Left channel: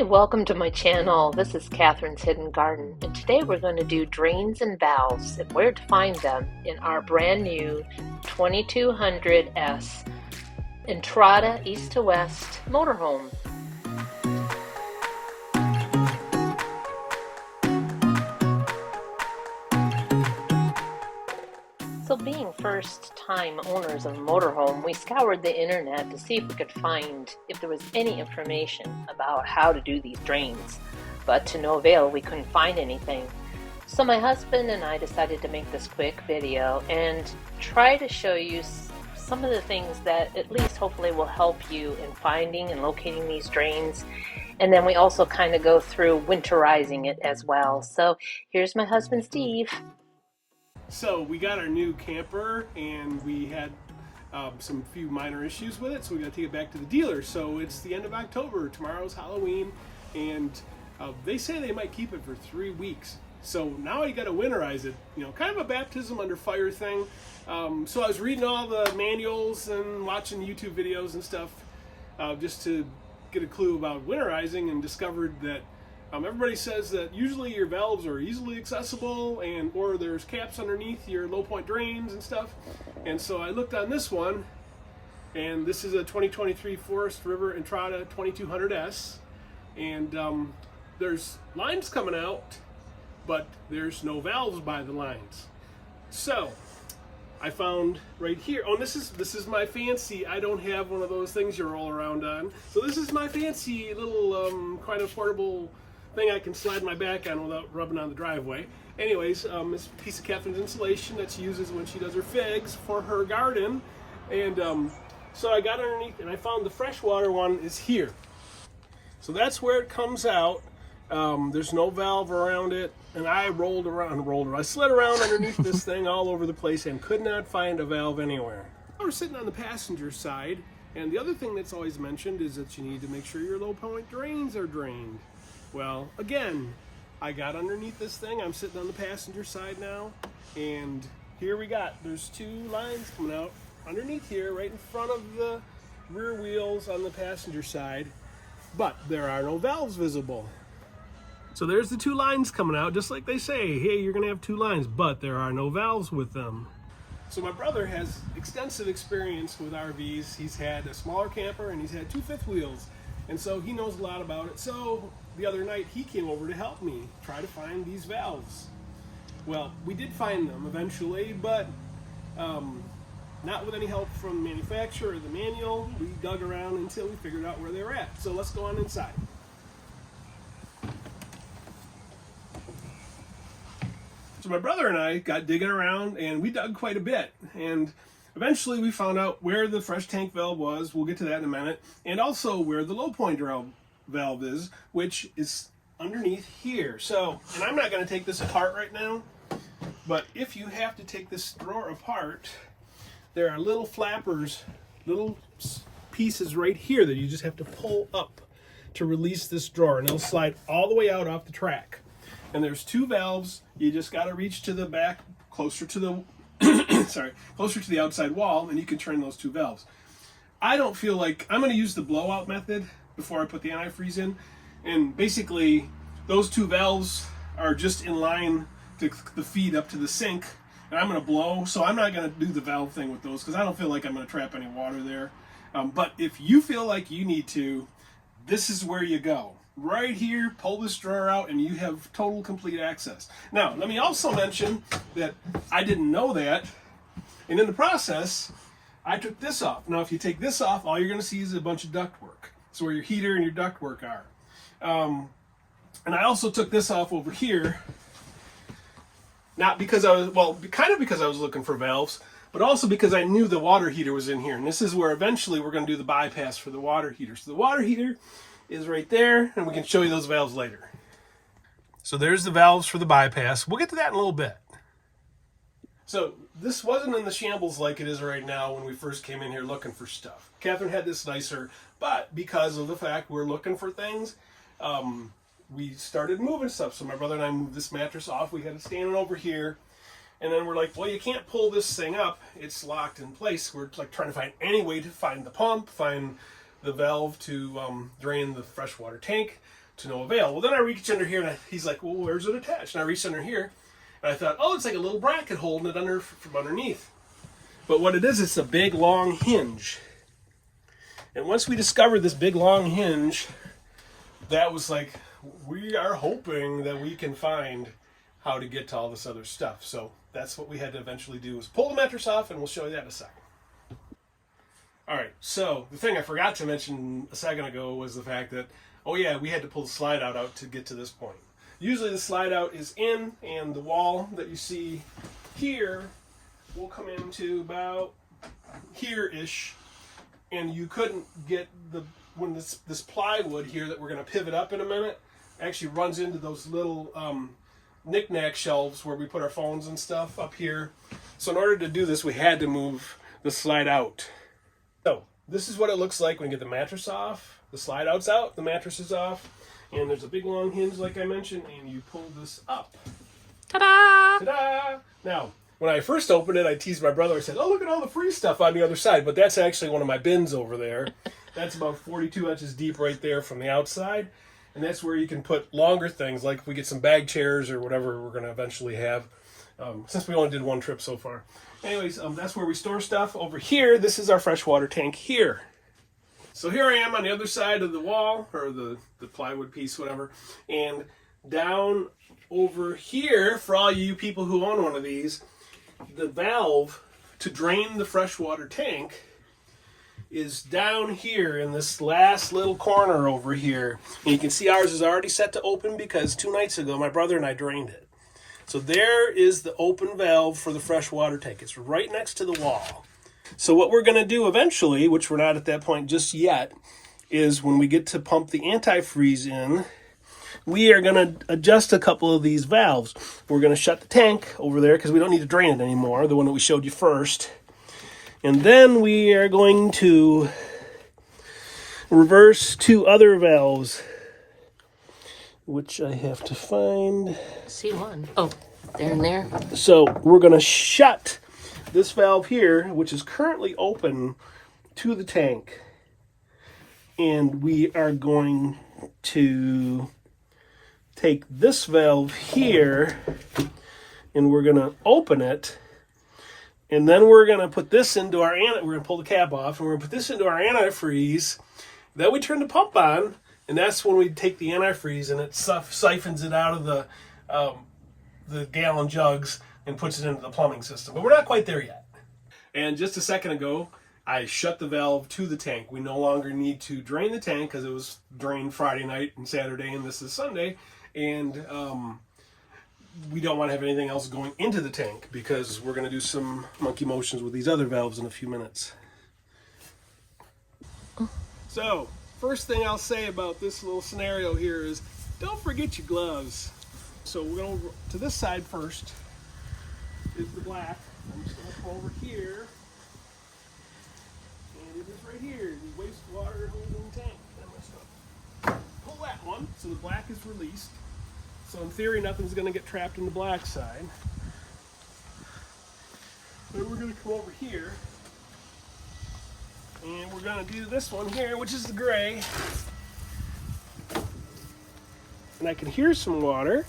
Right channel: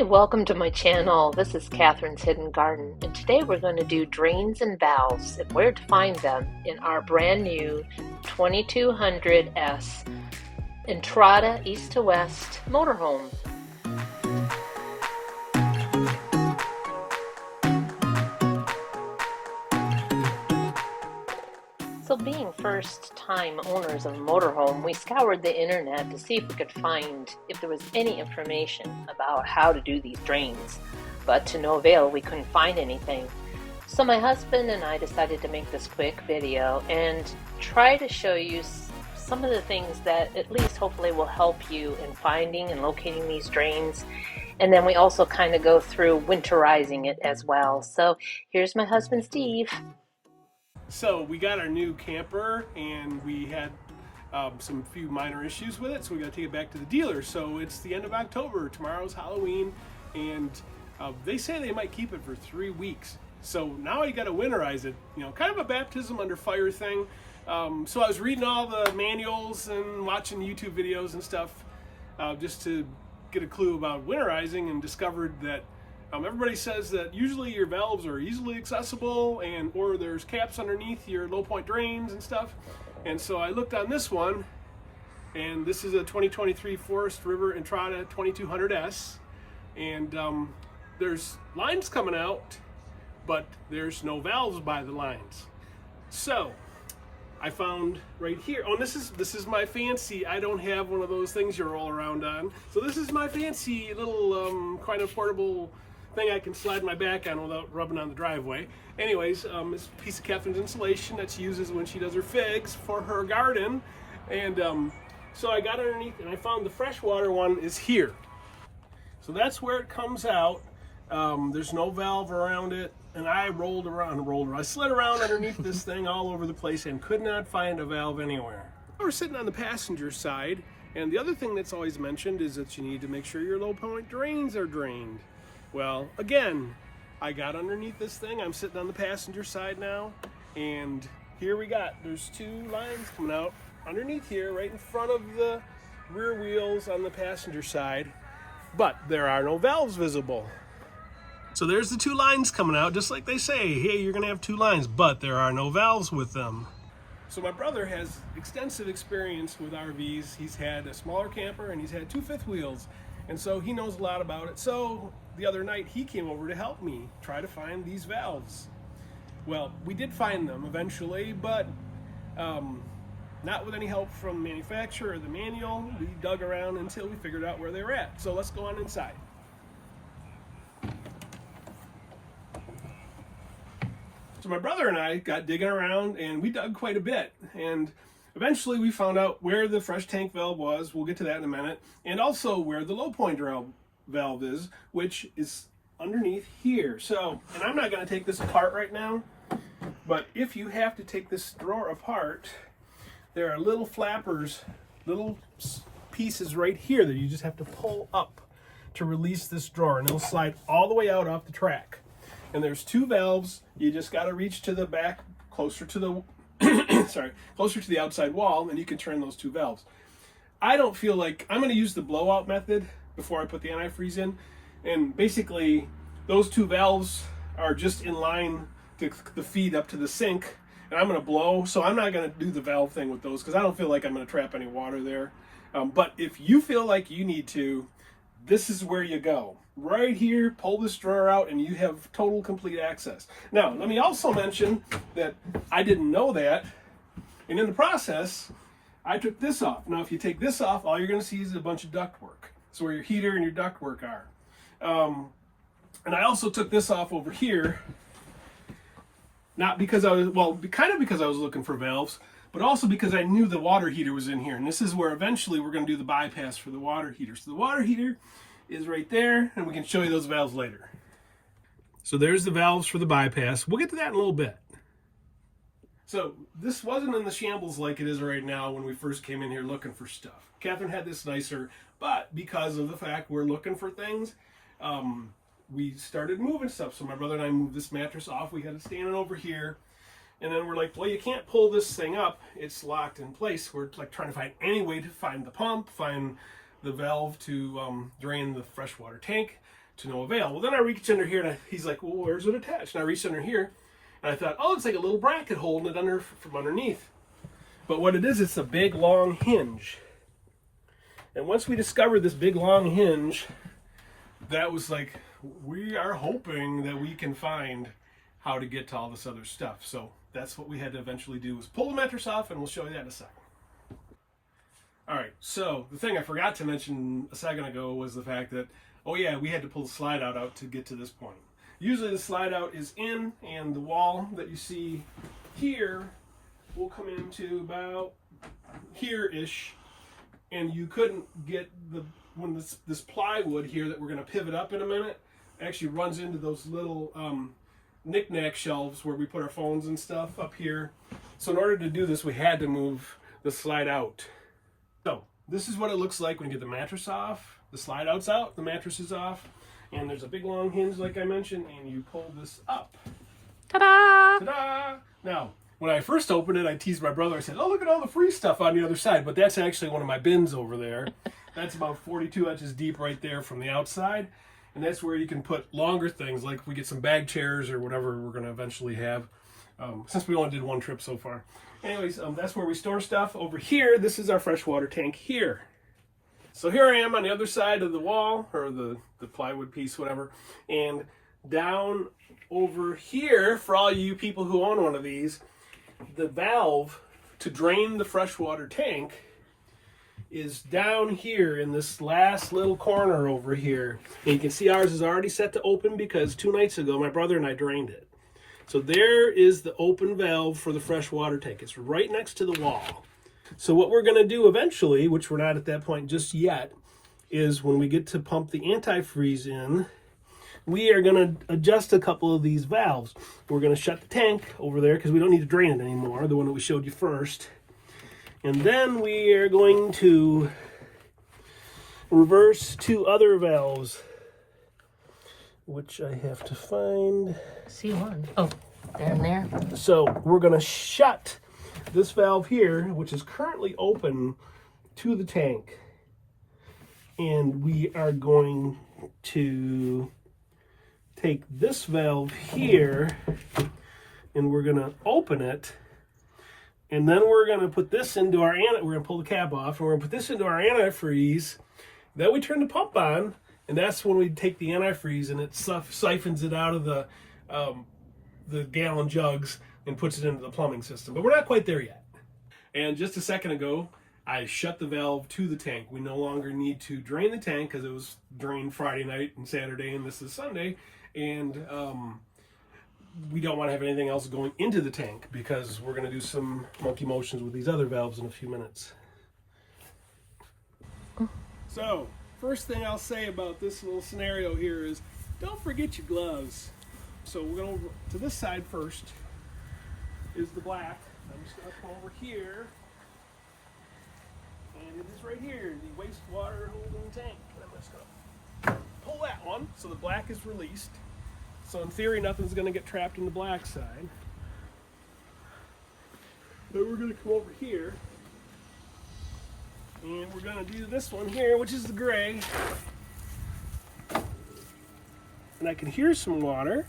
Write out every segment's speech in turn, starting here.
Hey, welcome to my channel. This is Catherine's Hidden Garden, and today we're going to do drains and valves and where to find them in our brand new 2200S Entrada east to west motorhome. So being first-time owners of a motorhome, we scoured the internet to see if we could find if there was any information about how to do these drains. But to no avail, we couldn't find anything. So my husband and I decided to make this quick video and try to show you some of the things that at least hopefully will help you in finding and locating these drains. And then we also kind of go through winterizing it as well. So here's my husband, Steve. So we got our new camper and we had some few minor issues with it, so we got to take it back to the dealer. So it's the end of October, tomorrow's Halloween, and they say they might keep it for 3 weeks. So now you got to winterize it, you know, kind of a baptism under fire thing. So I was reading all the manuals and watching YouTube videos and stuff just to get a clue about winterizing, and discovered that everybody says that usually your valves are easily accessible, or there's caps underneath your low point drains and stuff. And so I looked on this one, and this is a 2023 Forest River Entrada 2200S, and there's lines coming out, but there's no valves by the lines. So I found right here, oh, this is my fancy, I don't have one of those things you roll around on. So this is my fancy little kind of portable thing I can slide my back on without rubbing on the driveway. Anyways, this piece of Catherine's insulation that she uses when she does her figs for her garden. And so I got underneath and I found the freshwater one is here. So that's where it comes out. There's no valve around it. And I I slid around underneath this thing all over the place and could not find a valve anywhere. We're sitting on the passenger side, and the other thing that's always mentioned is that you need to make sure your low point drains are drained. Well, again, I got underneath this thing. I'm sitting on the passenger side now, and here there's 2 lines coming out underneath here, right in front of the rear wheels on the passenger side, but there are no valves visible. So there's the 2 lines coming out, just like they say, hey, you're gonna have 2 lines, but there are no valves with them. So my brother has extensive experience with RVs. He's had a smaller camper and he's had 2 fifth wheels. And so he knows a lot about it. So the other night he came over to help me try to find these valves. Well, we did find them eventually, but not with any help from the manufacturer or the manual. We dug around until we figured out where they were at. So let's go on inside. So my brother and I got digging around and we dug quite a bit. And eventually we found out where the fresh tank valve was. We'll get to that in a minute. And also where the low point valve is, which is underneath here. So, and I'm not going to take this apart right now, but if you have to take this drawer apart, there are little flappers, little pieces right here that you just have to pull up to release this drawer, and it'll slide all the way out off the track. And there's 2 valves. You just got to reach to the back, closer to the closer to the outside wall, and you can turn those 2 valves. I don't feel like I'm going to use the blowout method before I put the antifreeze in, and basically those 2 valves are just in line to the feed up to the sink, and I'm going to blow, so I'm not going to do the valve thing with those because I don't feel like I'm going to trap any water there. But if you feel like you need to, this is where you go. Right here, pull this drawer out, and you have total, complete access. Now, let me also mention that I didn't know that, and in the process, I took this off. Now, if you take this off, all you're going to see is a bunch of ductwork. So where your heater and your ductwork are. And I also took this off over here, not because I was, well, kind of because I was looking for valves, but also because I knew the water heater was in here. And this is where eventually we're going to do the bypass for the water heater. So the water heater is right there, and we can show you those valves later. So there's the valves for the bypass. We'll get to that in a little bit. So this wasn't in the shambles like it is right now when we first came in here looking for stuff. Catherine had this nicer, but because of the fact we're looking for things, we started moving stuff. So my brother and I moved this mattress off. We had it standing over here. And then we're like, well, you can't pull this thing up. It's locked in place. We're like trying to find any way to find the pump, find the valve to drain the freshwater tank, to no avail. Well, then I reached under here, and he's like, well, where's it attached? And I reached under here, and I thought, oh, it's like a little bracket holding it under from underneath. But what it is, it's a big, long hinge. And once we discovered this big, long hinge, that was like, we are hoping that we can find how to get to all this other stuff. So that's what we had to eventually do, was pull the mattress off, and we'll show you that in a second. All right, so the thing I forgot to mention a second ago was the fact that, oh yeah, we had to pull the slide out to get to this point. Usually the slide out is in, and the wall that you see here will come into about here-ish, and you couldn't get when this plywood here that we're going to pivot up in a minute actually runs into those little knick-knack shelves where we put our phones and stuff up here. So in order to do this, we had to move the slide out. So this is what it looks like when you get the mattress off. The slide out's out, the mattress is off, and there's a big long hinge like I mentioned, and you pull this up. Ta-da! Ta-da! Now, when I first opened it, I teased my brother. I said, oh, look at all the free stuff on the other side, but that's actually one of my bins over there. That's about 42 inches deep right there from the outside, and that's where you can put longer things, like if we get some bag chairs or whatever we're going to eventually have, since we only did one trip so far. Anyways, that's where we store stuff. Over here, this is our freshwater tank here. So here I am on the other side of the wall, or the plywood piece, whatever. And down over here, for all you people who own one of these, the valve to drain the freshwater tank is down here in this last little corner over here. And you can see ours is already set to open because 2 nights ago, my brother and I drained it. So there is the open valve for the freshwater tank. It's right next to the wall. So what we're going to do eventually, which we're not at that point just yet, is when we get to pump the antifreeze in, we are going to adjust a couple of these valves. We're going to shut the tank over there because we don't need to drain it anymore, the one that we showed you first. And then we are going to reverse 2 other valves, which I have to find. See one. Oh, there and there. So we're going to shut this valve here, which is currently open to the tank. And we are going to take this valve here, and we're going to open it. And then we're going to put this into our, we're going to pull the cap off, and we're going to put this into our antifreeze. Then we turn the pump on, and that's when we take the antifreeze and it siphons it out of the gallon jugs and puts it into the plumbing system. But we're not quite there yet. And just a second ago, I shut the valve to the tank. We no longer need to drain the tank because it was drained Friday night and Saturday, and this is Sunday. And we don't want to have anything else going into the tank because we're going to do some monkey motions with these other valves in a few minutes. So, first thing I'll say about this little scenario here is don't forget your gloves. So we're going to this side first is the black. I'm just going to come over here, and it is right here, the wastewater holding tank. And I'm just going to pull that one so the black is released. So in theory, nothing's going to get trapped in the black side. Then we're going to come over here, and we're going to do this one here, which is the gray. And I can hear some water,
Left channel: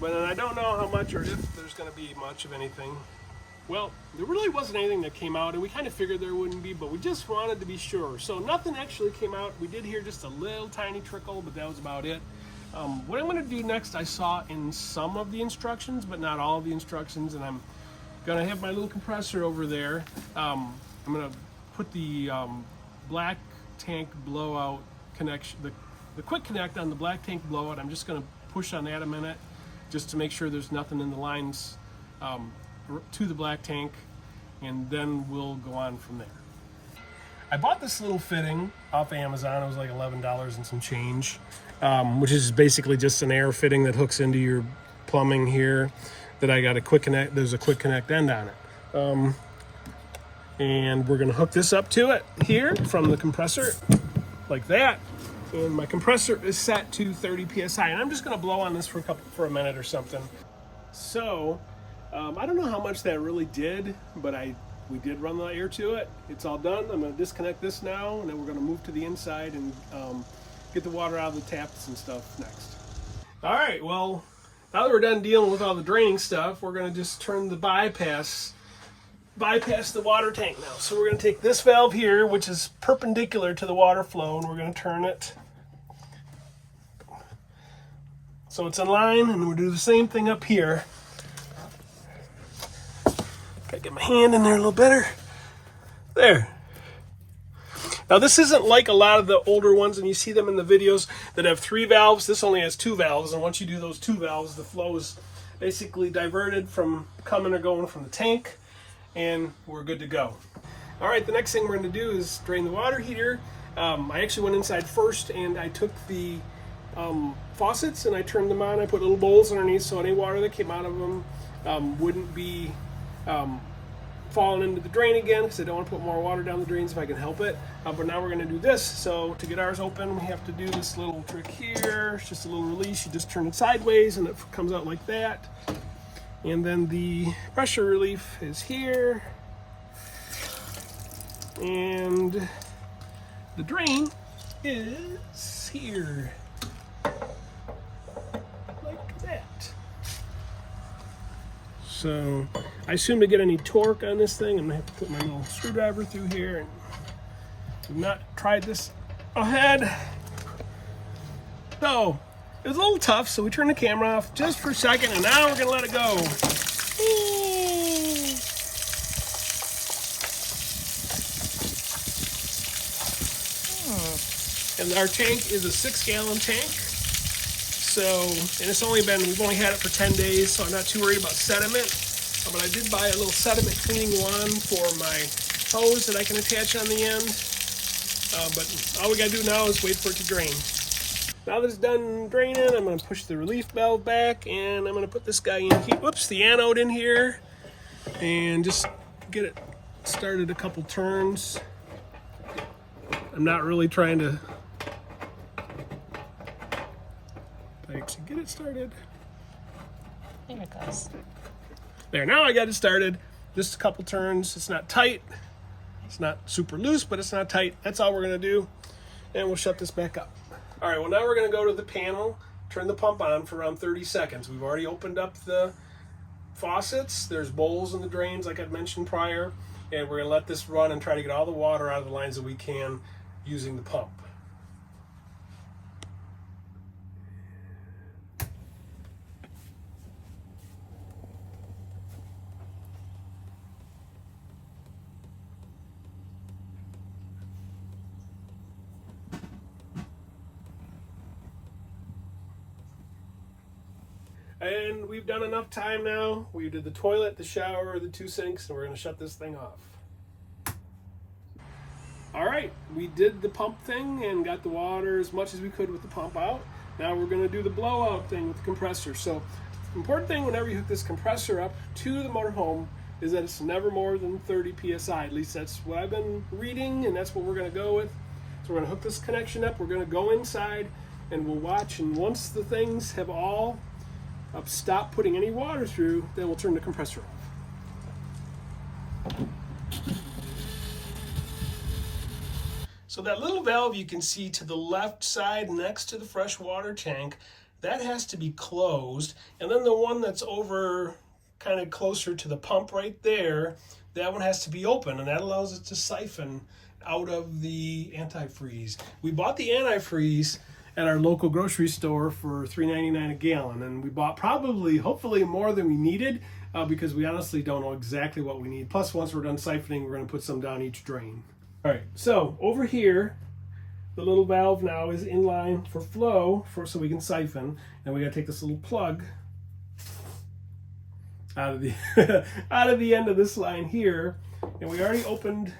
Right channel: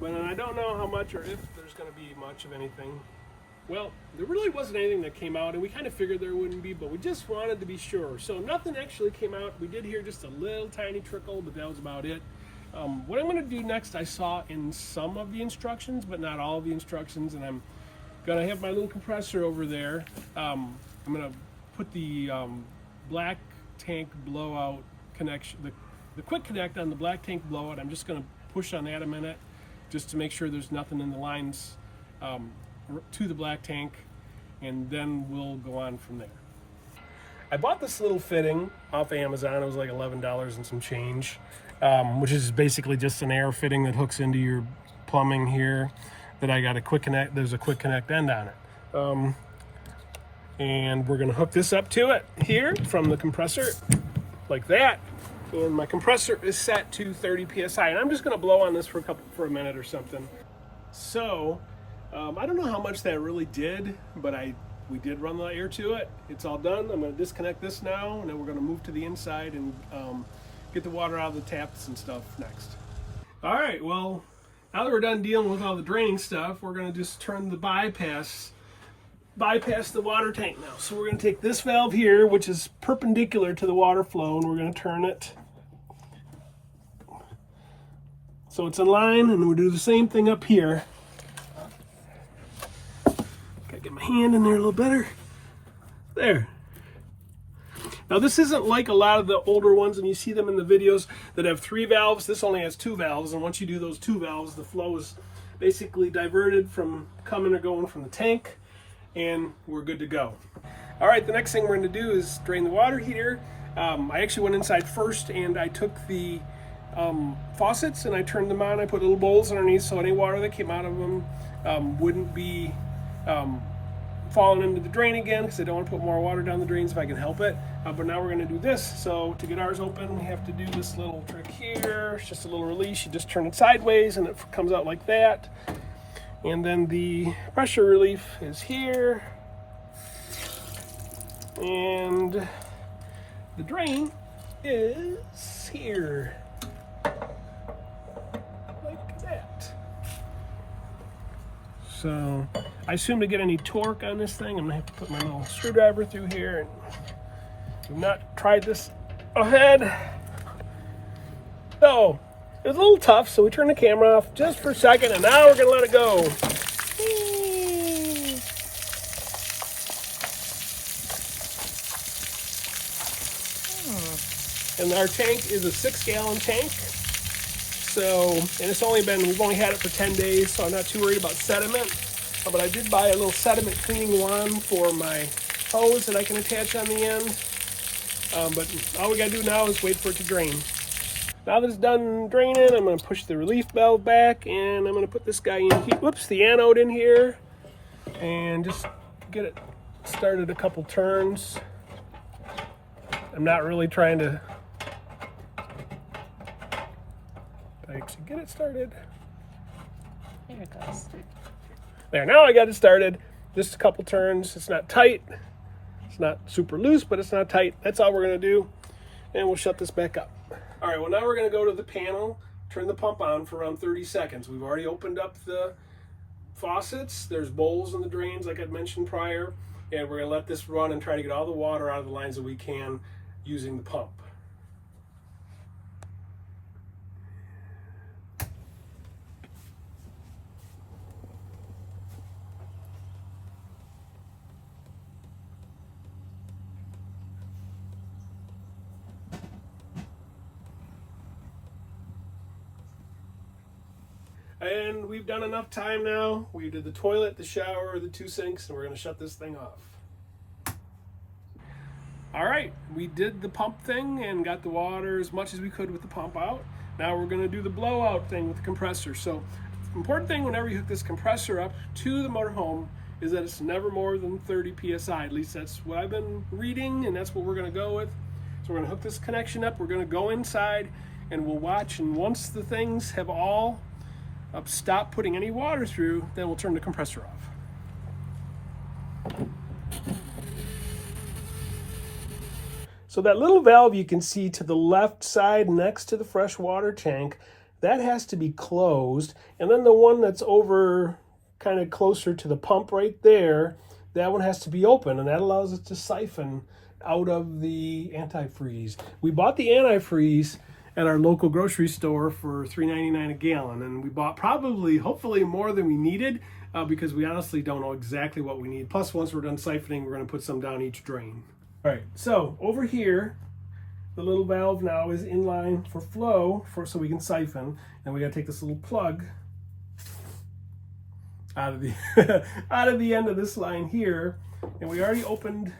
but I don't know how much or if there's going to be much of anything. Well, there really wasn't anything that came out, and we kind of figured there wouldn't be, but we just wanted to be sure. So nothing actually came out. We did hear just a little tiny trickle, but that was about it. What I'm going to do next, I saw in some of the instructions, but not all of the instructions, and I'm going to have my little compressor over there. I'm going to put the black tank blowout connection, the quick connect on the black tank blowout. I'm just going to push on that a minute just to make sure there's nothing in the lines to the black tank, and then we'll go on from there. I bought this little fitting off Amazon. It was like $11 and some change, which is basically just an air fitting that hooks into your plumbing here. That I got a quick connect. There's a quick connect end on it, and we're going to hook this up to it here from the compressor, like that. And my compressor is set to 30 psi, and I'm just going to blow on this for a minute or something. So I don't know how much that really did, but we did run the air to it. It's all done. I'm going to disconnect this now, and then we're going to move to the inside and get the water out of the taps and stuff next. All right, well, now that we're done dealing with all the draining stuff, we're gonna just turn the bypass the water tank now. So we're gonna take this valve here, which is perpendicular to the water flow, and we're gonna turn it so it's in line, and we'll do the same thing up here. Gotta get my hand in there a little better. There. Now this isn't like a lot of the older ones, and you see them in the videos that have 3 valves. This only has 2 valves, and once you do those 2 valves, the flow is basically diverted from coming or going from the tank, and we're good to go. All right, the next thing we're going to do is drain the water heater. I actually went inside first, and I took the faucets and I turned them on. I put little bowls underneath so any water that came out of them wouldn't be falling into the drain again, because I don't want to put more water down the drains if I can help it. But now we're going to do this. So to get ours open, we have to do this little trick here. It's just a little release. You just turn it sideways and it comes out like that. And then the pressure relief is here. And the drain is here. Like that. So I assume to get any torque on this thing, I'm gonna have to put my little screwdriver through here. And I've not tried this ahead. So it was a little tough, so we turned the camera off just for a second, and now we're gonna let it go. And our tank is a 6-gallon tank. So, and we've only had it for 10 days, so I'm not too worried about sediment. But I did buy a little sediment cleaning wand for my hose that I can attach on the end. But all we gotta do now is wait for it to drain. Now that it's done draining, I'm gonna push the relief valve back, and I'm gonna put this guy in here, the anode in here, and just get it started a couple turns. I'm not really trying to get it started. There it goes. There, now I got it started. Just a couple turns. It's not tight. It's not super loose, but it's not tight. That's all we're gonna do. And we'll shut this back up. All right, well now we're gonna go to the panel, turn the pump on for around 30 seconds. We've already opened up the faucets. There's bowls in the drains like I'd mentioned prior. And we're gonna let this run and try to get all the water out of the lines that we can using the pump. And we've done enough time now. We did the toilet, the shower, the 2 sinks, and we're gonna shut this thing off. All right, we did the pump thing and got the water as much as we could with the pump out. Now we're gonna do the blowout thing with the compressor. So the important thing whenever you hook this compressor up to the motorhome is that it's never more than 30 PSI. At least that's what I've been reading, and that's what we're gonna go with. So we're gonna hook this connection up, we're gonna go inside, and we'll watch, and once the things have all stop putting any water through, then we'll turn the compressor off. So that little valve you can see to the left side next to the freshwater tank, that has to be closed. And then the one that's over kind of closer to the pump right there, that one has to be open, and that allows it to siphon out of the antifreeze. We bought the antifreeze at our local grocery store for $3.99 a gallon, and we bought hopefully more than we needed, because we honestly don't know exactly what we need. Plus, once we're done siphoning, we're going to put some down each drain. All right, so over here, the little valve now is in line for flow, so we can siphon, and we got to take this little plug out of the out of the end of this line here, and we already opened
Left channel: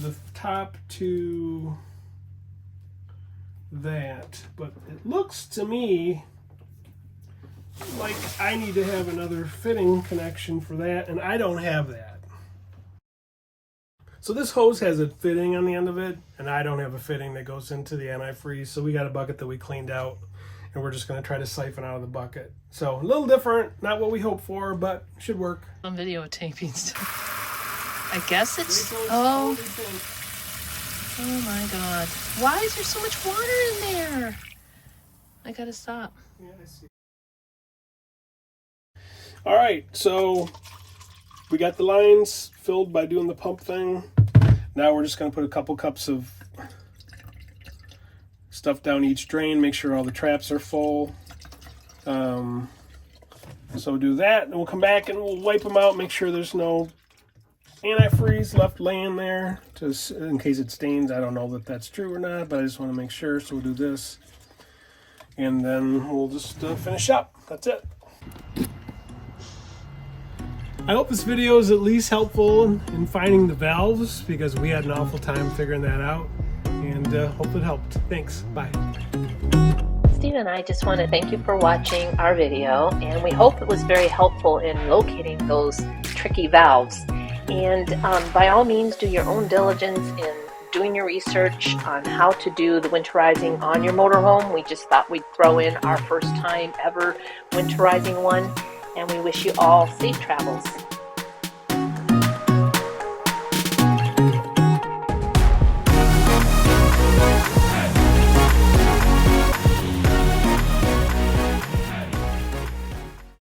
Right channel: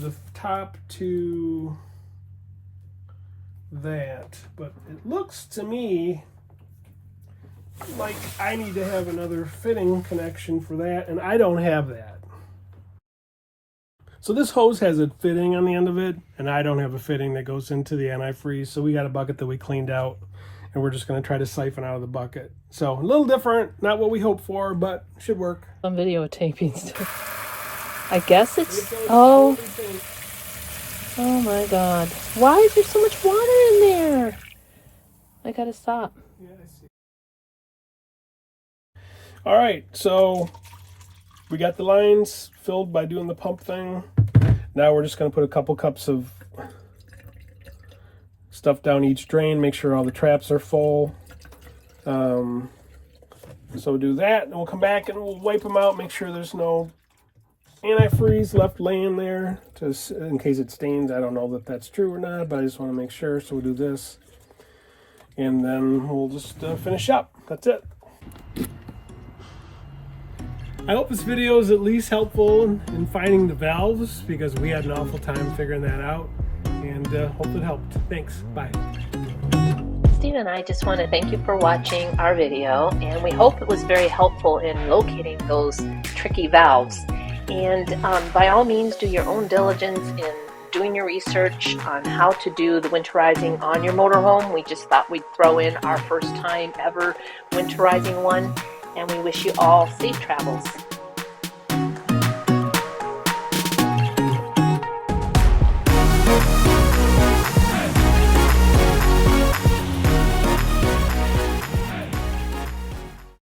the top to that, but it looks to me like I need to have another fitting connection for that, and I don't have that. So this hose has a fitting on the end of it, and I don't have a fitting that goes into the antifreeze, so we got a bucket that we cleaned out, and we're just going to try to siphon out of the bucket. So a little different, not what we hoped for, but should work. I'm videotaping stuff. I guess it's, oh, Oh my God. Why is there so much water in there? I gotta stop. Yeah, I see. All right, so we got the lines filled by doing the pump thing. Now we're just gonna put a couple cups of stuff down each drain, make sure all the traps are full. So do that, and we'll come back and we'll wipe them out, make sure there's no antifreeze left laying there in case it stains. I don't know that that's true or not, but I just want to make sure. So we'll do this, and then we'll just finish up. That's it. I hope this video is at least helpful in finding the valves, because we had an awful time figuring that out, and hope it helped. Thanks. Bye. Steve and I just want to thank you for watching our video, and we hope it was very helpful in locating those tricky valves. And by all means, do your own diligence in doing your research on how to do the winterizing on your motorhome. We just thought we'd throw in our first time ever winterizing one, and we wish you all safe travels.